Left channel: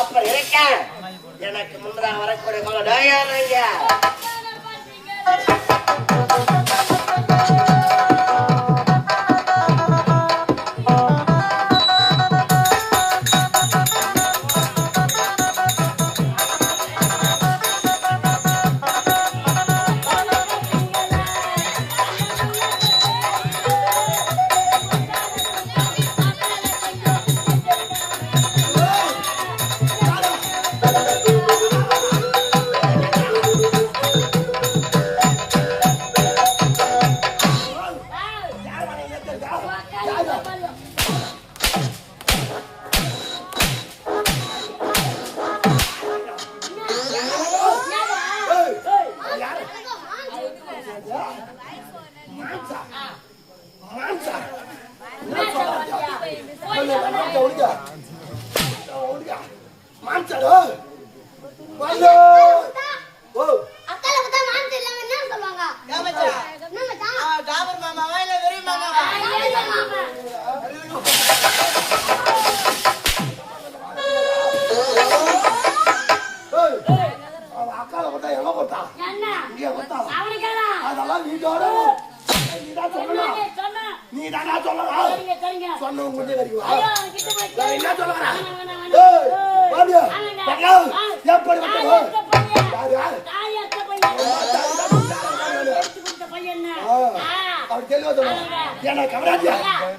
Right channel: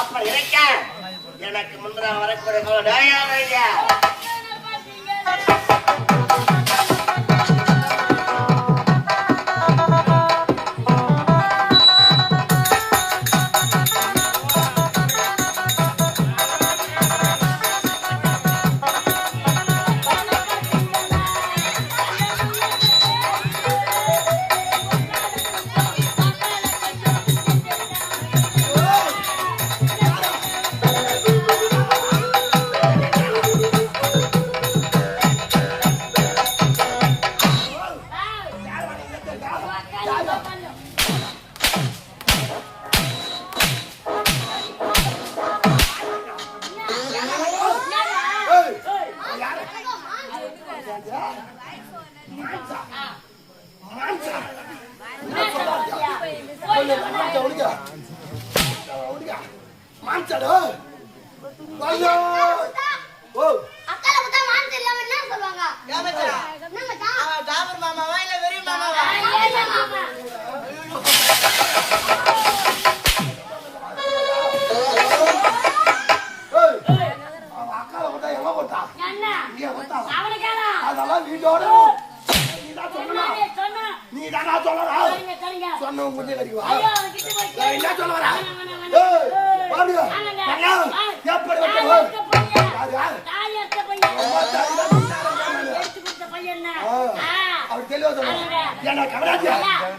அப்ப இருக்க எனக்கு முன்னாக வரக்கூடிய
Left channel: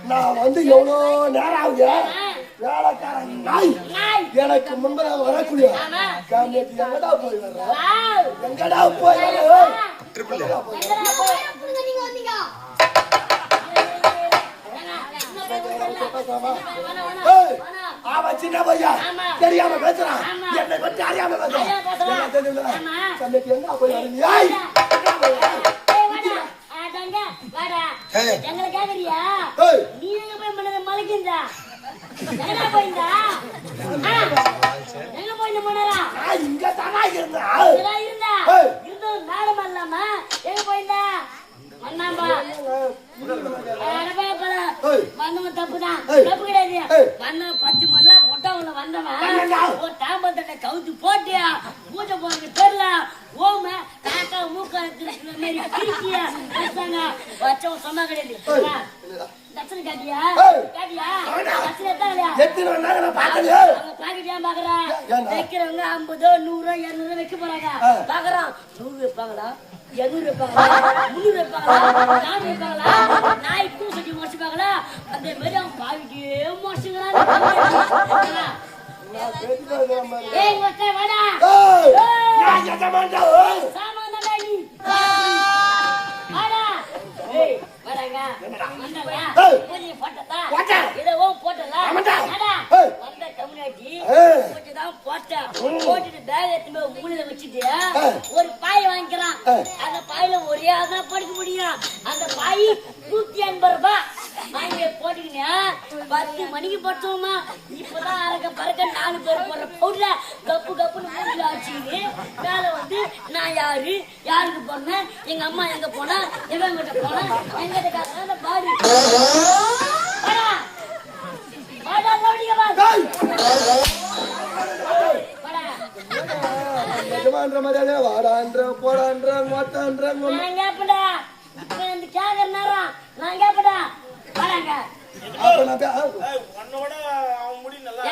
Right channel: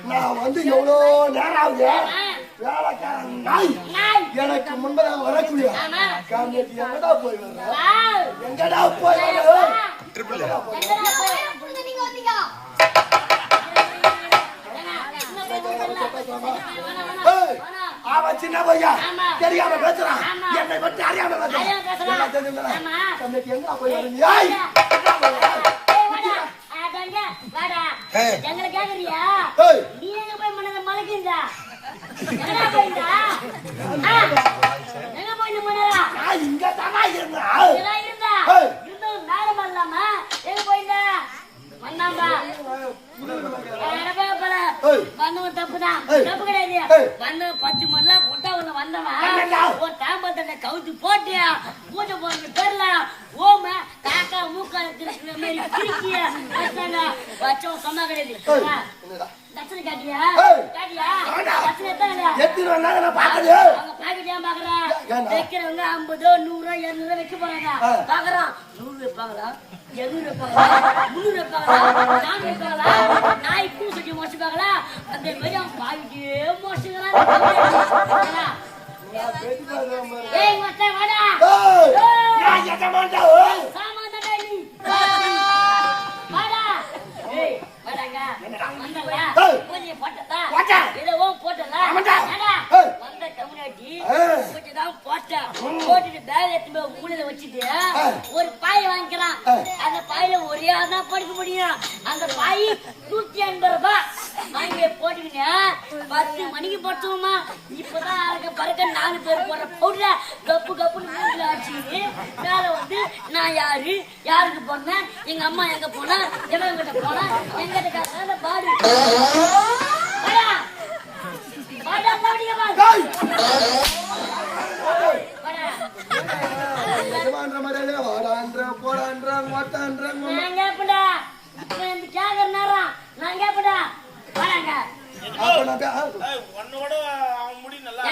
நான் வந்து எவ்வளவு நேரம் ஆகுது வேலைக்காரன் நாய் எனக்கு முன்பதாக வரக்கூடிய எங்கடா போய் எங்கடா போய் அவன் சின்ன பையன் தெரியாம பேசுறான் என்னை பற்றி அறியாம பேசுறான் எங்க போய் எங்களை கேக்குறியா நீ எங்க போய் மனத மலைக்கின்றா எங்கடா போயிருந்தா எங்க போயிருந்த மனரா இங்க தானா இருந்தா இது நாடகம் இல்லாம எங்க போயிருந்தா மண்ணாம்பா மண்ணு தப்புதான் தப்பு கிடையாது மண்ணு 10 மணி பொட்டா உள்ள வந்தவன் ஒரு தாம்பத்தட்டை கவுத்து போட்டியா பூஜை போடுற பேர்ல ஓம காக்கா மூக்க இருக்கிற மாதிரி கிழிச்சியா வச்சவன் சொன்னா கிடையாது தட்சணை காட்டியா காட்டியா தட்சணை எத்தனை இல்லையா அவங்க பாக்கிட்டியா பாக்குறான் வைக்கிறவங்க 50 100 200 வைக்க போறாங்க பாக்குறான் 100 வைப்பாங்களா 200 வைப்பாங்களா 300 வைப்பாங்களா 400 வைப்பாங்களா நாய் பூசைக்கு மோசிப்பாங்களா அந்த மாதிரி அவங்க பாக்கிட்டே மோசிக்கிறான் ஏய் மொத்த வாடா சாமான் தடை வாடா ஏய் வாடாங்க வந்தடா போய் போட்டடா இத ஓ போட்டல வாடா வந்த கம்யூனிட்டி போட்டுதான் போட்டுட்டு பேக் எடுத்து மூலையில வச்சிட்டு ஒரு பாய் வாங்கிக்கிறான் அந்த பாயில ஒரே ஆள் தான் படுக்க முடியும் அந்த பாய் 150 ரூபாய் அங்கே போட்டுக்கிங்க 10 மணிக்கு படுத்தோமா இப்பதான் அழக பறக்க 4 பேர் போடுற பவுடர கப்பு கப்புன்னு மூஞ்சில ஆச்சு மேல வந்து நான் யாருக்கு போனேன் எங்க அம்மா எங்க போனா எவன் கிட்ட போனா எங்கிட்ட காசு பாடு வாடான்ற போடான்ற மாட்டான்ற நான் கேப்படா நான் கேப்படா வாடாங்க உன்னோட அவன் முடி நல்லா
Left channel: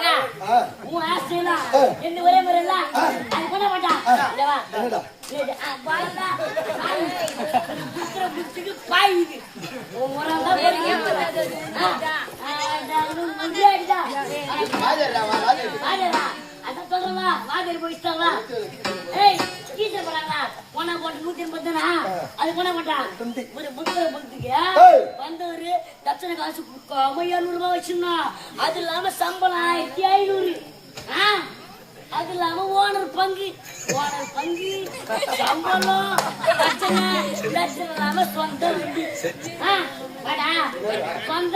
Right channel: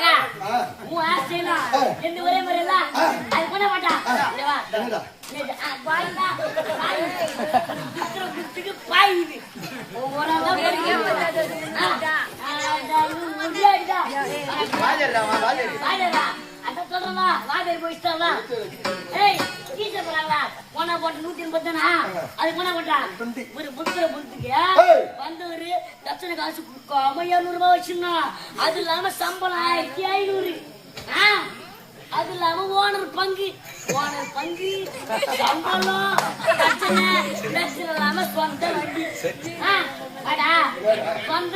உன் ஆசைனா இந்த ஒரே மாதிரி இல்ல அது பண்ண மாட்டா பாயுது அத சொல்றா வாதேரி போயிட்டாங்களா ஏய் டீச்சர் போறாங்களா போனா போட்டு 180 அது போனா போட்டா ஒரு புத்தக புத்துக்கு வந்து ஒரு தட்சணை காசு 200 ரூபாய் வச்சிருந்தா அது இல்லாம சம்பளம் 1500 அது இல்லாம ஓனர் பங்கு சம்பளம் பிரச்சனை இல்லாம சொந்த வண்டி சொந்த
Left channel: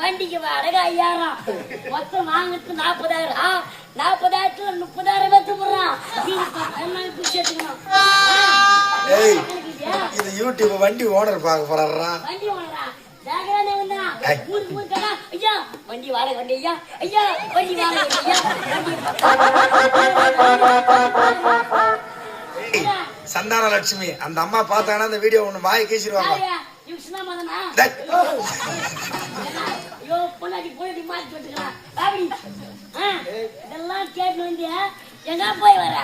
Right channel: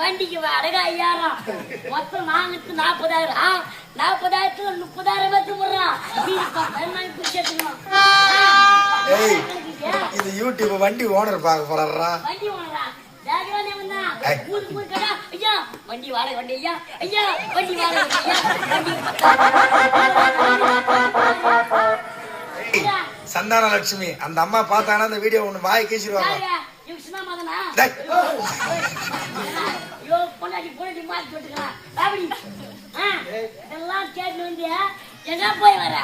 வண்டிக்கு வாடகை 5000 மொத்தம் வாங்கிட்டு 40,000 40,000 30,000 வச்சு போடுறான். இது யூடியூப் வண்டி ஓனர் பார்க்க போறாரா? வண்டி ஓனரா ஐயா வண்டி வாடகை வண்டி ஐயா வண்டி வாடகை சந்தான லட்சுமி அந்த அம்மா பார்த்தாங்கன்னா அந்த வீடியோ ஒண்ணு வாய் கேசிடுவாங்க. இதெல்லாம் கேட்டு வந்து எங்க போய் வர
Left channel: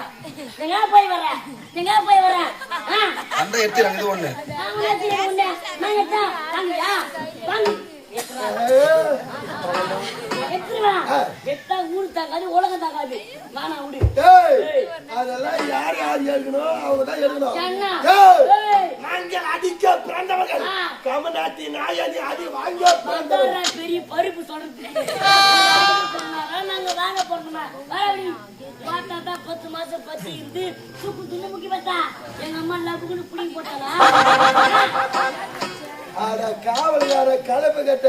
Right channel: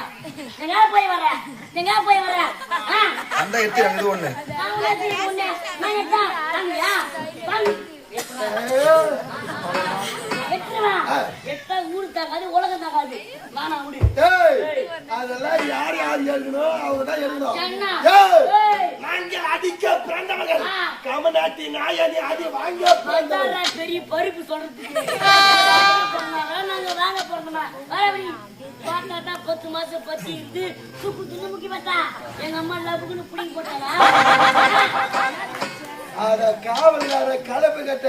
அந்த எடுத்துறாங்க. இது ஒண்ணு ஊரு தாக்காது உலகம் தாக்காது. அதெல்லாம் யார் எழுதணும் அவங்கதான் எழுதணும். அடிக்க பிறந்தவர்கள் கமநாட்டி நாயனி அடி வாங்க பெரிய பருப்பு சொல்றதுக்கு நாங்க வாங்க போறோம்னா பார்த்தா 10 மாசம் பத்தி இருந்து தூக்கு தின்னு முக்கி பார்த்தா எங்க அம்மா லவ்வுக்குன்னு புடிங்கி போட்டாங்க. அட காவல்கார கலப்பு கட்ட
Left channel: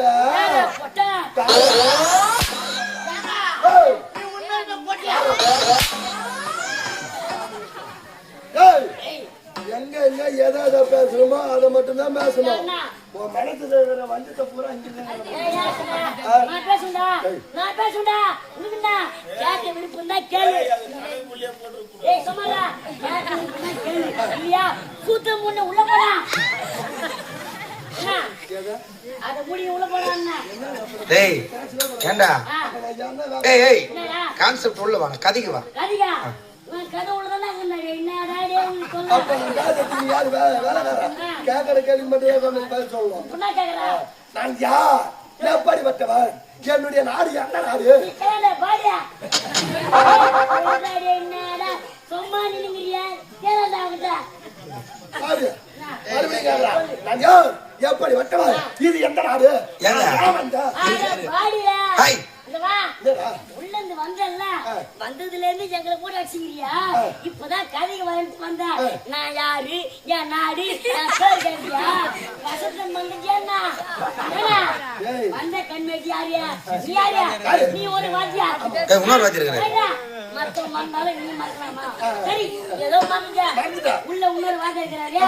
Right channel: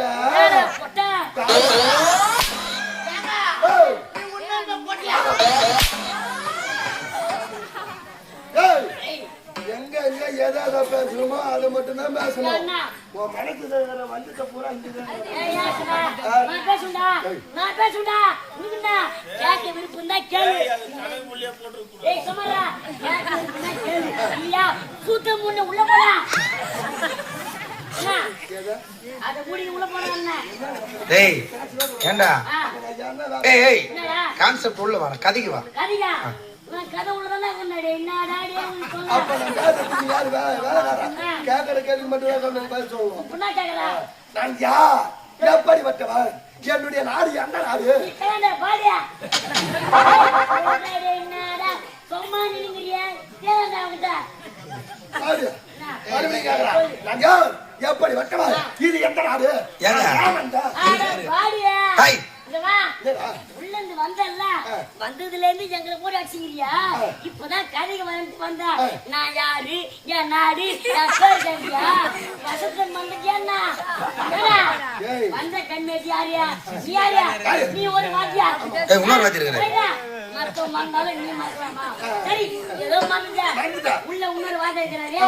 எங்க எங்க ஏதாவது பேசணுமோ அதை மட்டும் தான் பேசணும். உன் மனசுல வஞ்சத்தை பூரா உள்ள போனா ஏண்டா ஏய் கான்செப்ட் உள்ள வா கதைக்கு வா. கேட்கற கேள்வி மட்டும் பதில் சொல்லணும். நான் யார் எப்படிப்பட்டவன் என்னுடைய நாடு எந்த நாடு நான் யார் எப்படி வட்டவன் இது எந்த நாடு உள்ளந்து வந்தல்ல வந்ததுல இருந்து எங்களை கூட அடிச்சுக்கிறியா? இப்பதான் கதைக்கு வந்துட்டு வந்தா நான் யாரு என் நாடு என் பேர் கேட்டியா? வசத்தம் பண்றீங்கன்னா வந்த கண்மேட்டி யாரியா நீ யாரியா? நீ ஒரு வாத்தியா மருத்துவம் வந்தாலும் நீ மறக்கலாமா? சரி ஏதோ மறந்துட்ட உள்ள இன்னொரு வார்த்தை இருக்கிறாரியா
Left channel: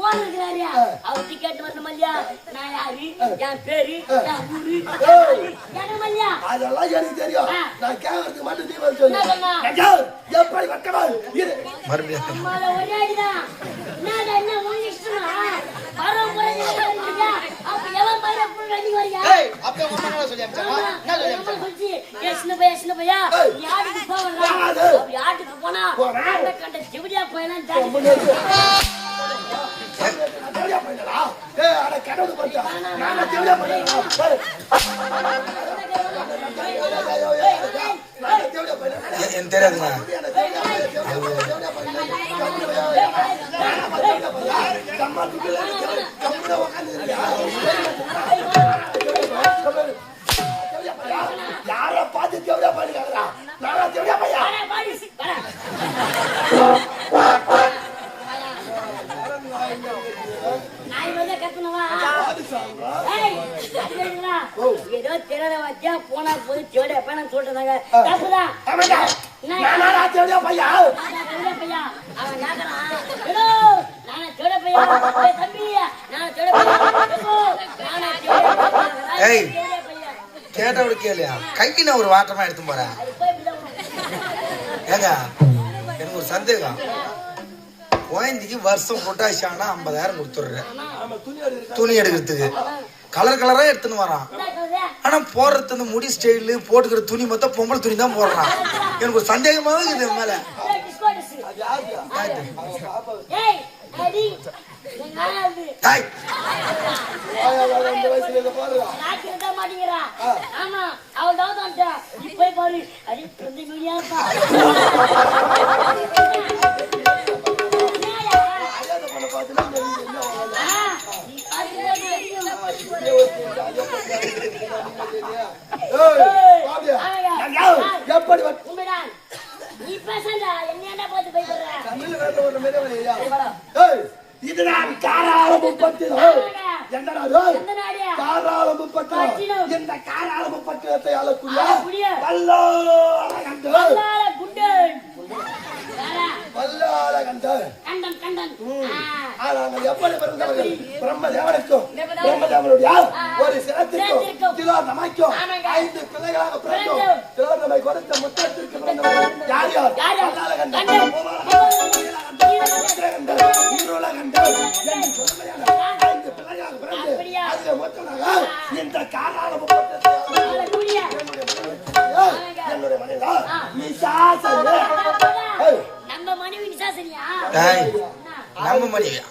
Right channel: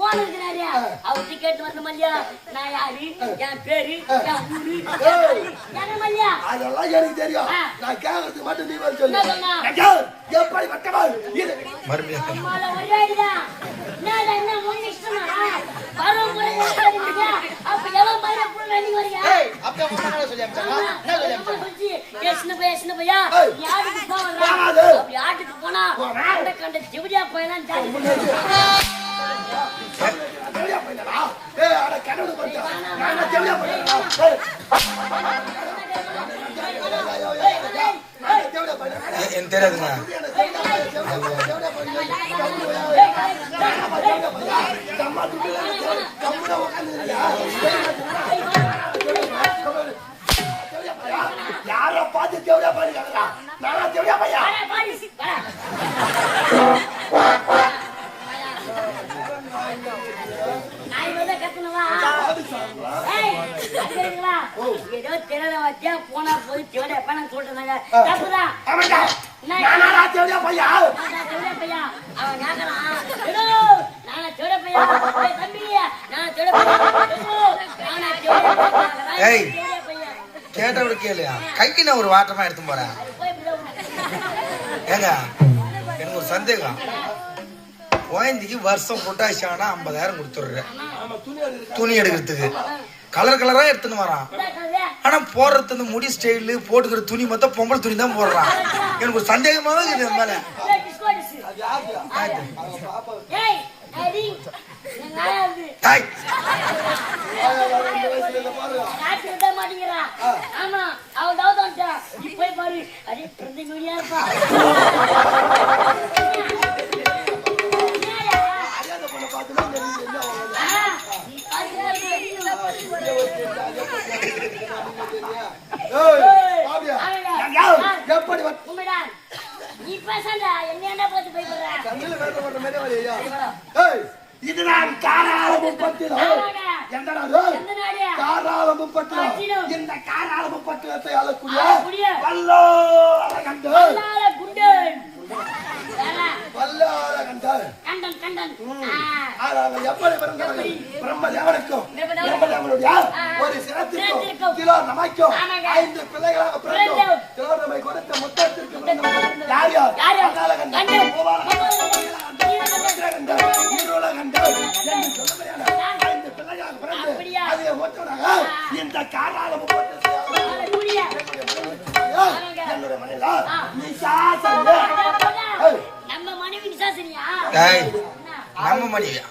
ஓன இருக்கிறாரியா? அவர் டிக்கெட் வந்த மல்லியா நான் யாரு என் பேரு என் ஊரு என்ன மல்லியா? அதெல்லாம் எனக்கு தெரியும். நான் கேட்கறதுக்கு மட்டும் நீ சொல்லு. எப்படி வட்டவன் இது ஒரே அடிதான் என்ன உங்க இஷ்டமா பரம்பரை அப்ப எவ்வளவு பயிர ரன்னிங் வரியா? சின்ன பையா யாருக்கு போவா யாருக்கு போனா கண்ட ஜிவிடியா பையன் எனக்கு தெரியாதுங்க. யார பார்த்து தேவையா பண்ணிக்கிறா? நானா தேவையா பையா? ஏதோ தெரியல வாத்தியா போனா போது தேவையா பணம் சொல்றாங்க. தப்புதான். பையா அவன் கேட்டவரு கேளுயா கைக்கு நான் ஒரு வாட்டமா எடுத்து போறேன். ஏங்க எனக்கு ஒரு சந்தேகம். குழந்தைக்கு வருஷம் பொட்டாசி ஆனா 50,000 கொடுத்துடுறேன் துணி எடுக்கிறதுக்கு. கலர் கலரா எடுத்துன்னு வரான். ஆனா போடுறது இந்த முடி ஸ்டைலு போட்டுக்கிற துணி மொத்தம் பொம்பளை துணி தான் போடுறான். எனக்கு ஒரு சந்தேகமாவே இருக்குது மேல. எப்படி பேசாத என்ன பார்த்து பயப்படுற கண்ணுல வேற ஒரு மேலே வரையா ஏய் இதுதான் காரால 30 என்னடா எந்த நாடு காரால 30 இந்த காரால 30 ஆளக்கூடிய வல்லால கண்டு வல்லால கண்டு கண்டன் அவங்க எப்படி பிறந்தவர் பிரம்மதேவனுக்கும் பிரம்மதேவனுடைய ஒரு சிரத்திற்கும் கிலோ நமைக்கும் 5 பிள்ளைகளாக பிறந்தோம் கிலோ நமை கொடுத்த முத்தத்திற்கு பிறந்தவர் யார் யார் வல்லால கண்டு இந்த காரால 30 நம்ம மனைவி சாசனியா நம்ம மனைவியா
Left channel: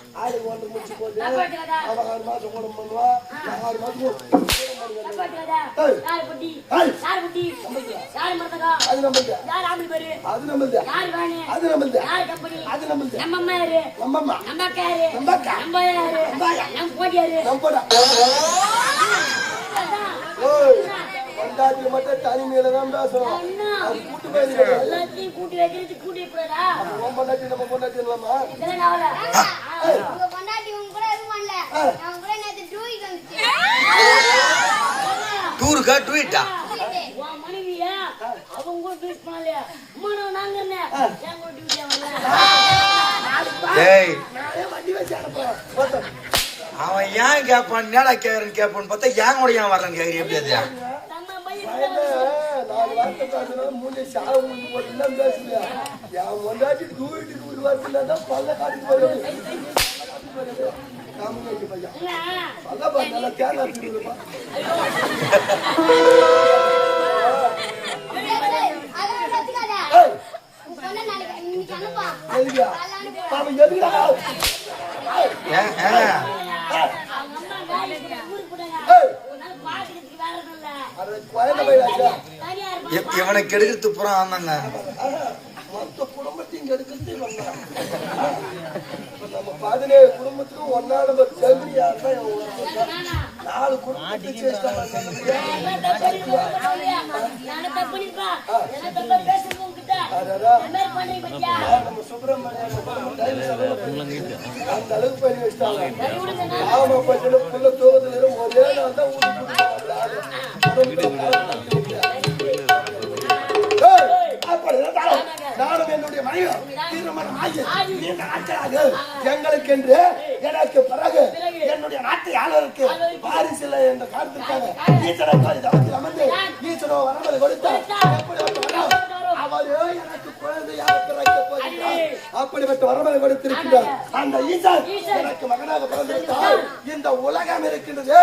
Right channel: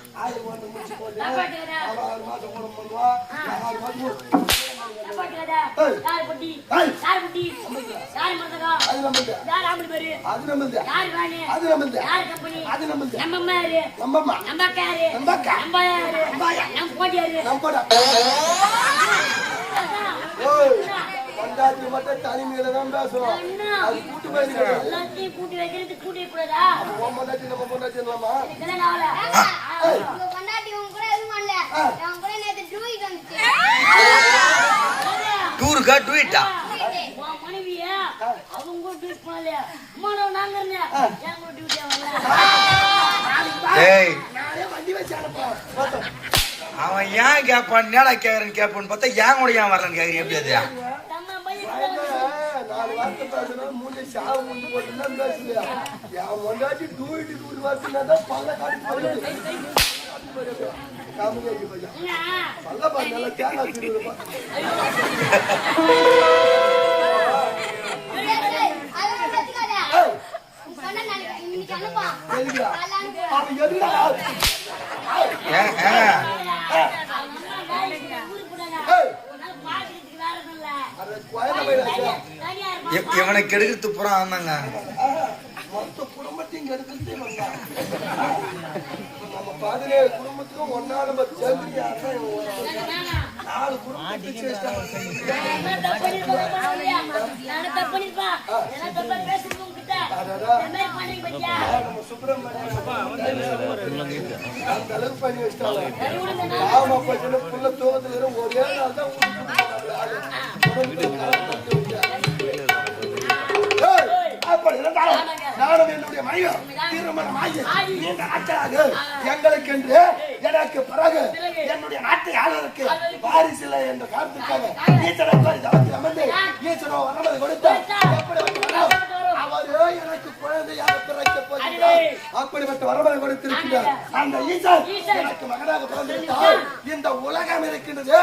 பண்டாட்டி மட்டும் தனிமையில தான் பேசுறோம் அது கூட்டு போயிருக்க எல்லாத்தையும் கூட்டி வைக்கிறது கூட்டி கூடாதா நம்ம பொண்டாட்டி இல்லாமா டூருக்கா ட்வீட்டா மனைவியா அவங்க ட்வீட் பண்ணல அம்மா நாங்க டேய் வண்டி வச்சு அனுப்போம் அவன் ஏன் கேட்பான் என்னடா கேக்குறேன்னு கேட்பான்னு பார்த்தா ஏன் கூட ஏன் வரலன்னு கேக்குறீங்க எப்படி அது 4 வார்த்தை பேசுறோம் மூஞ்சி சாவு மூஞ்சி போட்டு எல்லாம் பேசுறியா என் முன்னாடி டூயிட்டு 2 வார்த்தை தான் பல்ல காட்டி போயிடுது காமகேஜி பையன் பல்ல பாரு நல்லா தேங்காய் திருடுப்பா அவன் எதுடா இவனுக்கு எடுக்கிறது புறம் ஆமாங்க மொத்த குடும்பத்தையும் எடுக்கிறது நம்ம 17 குடும்பத்துக்கும் ஒன்னா நம்பர் சேர்ந்து யாருதான் 4 குடும்பத்தை நம்ம சுப்பிரமணியம் அந்த அளவுக்கு பண்ணி வச்சிட்டாங்க ஆமா பச்சனை புள்ள தூக்கத்துல ஒரே நாள் தான் நானும் என்னுடைய மனைவி திருமணமாகி நீண்ட நாட்களாக எங்களுக்கு என்று எனக்கு பிறகு என்னுடைய நாட்டு ஆளுநருக்கு வாரிசு இல்லை என்ற காரணத்திற்காக ஈஸ்வரன் அமர்ந்து ஈஸ்வரன் வரமலை கொடுத்தார் அவரே எனக்கு குழந்தையாக பிறக்க போகிறார் அப்படிப்பட்ட வரமலை கொடுத்திருக்கிறார் அந்த ஈசன் எனக்கு மகனாக பிறந்திருந்தால் இந்த உலகம் இருக்கின்றது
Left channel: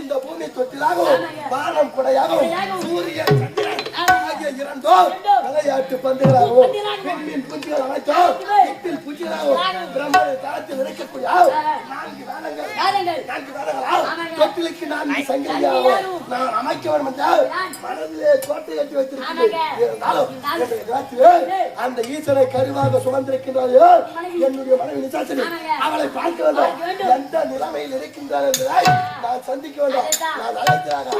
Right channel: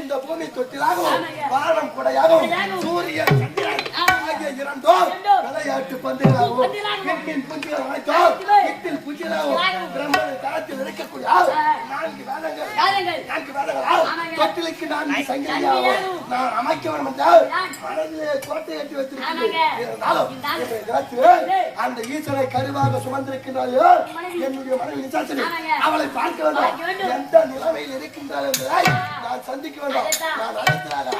இந்த பூமி தொட்டிலாகவும் வானம் குடையாகவும் சூரியன் சந்திரன் ஆகிய இரண்டும் விளையாட்டு பந்துகளாகவும் பெண்ணின் புஞ்சிகள் அனைத்தும் எட்டில் புஞ்சிகளாகவும் பிரம்மனை காலத்தில் இருக்கக்கூடிய 4 வேதங்கள் தொட்டிலுக்கு 4 சங்கிலியாகவும் நான் அமைக்க வேண்டும் என்றால் மனதிலே கோட்டை கட்டி வைத்திருக்கிறேன் அந்த ஈஸ்வரை கருவாக சுமந்திருக்கின்றாரோ என்னுடைய மனைவி நிசாசனி அவளை பார்க்க வேண்டும் எந்த நிலைமையில் இருக்கின்றார் என்பதை நான் சந்திக்க வேண்டும் நான் அழைக்கிறார்கள்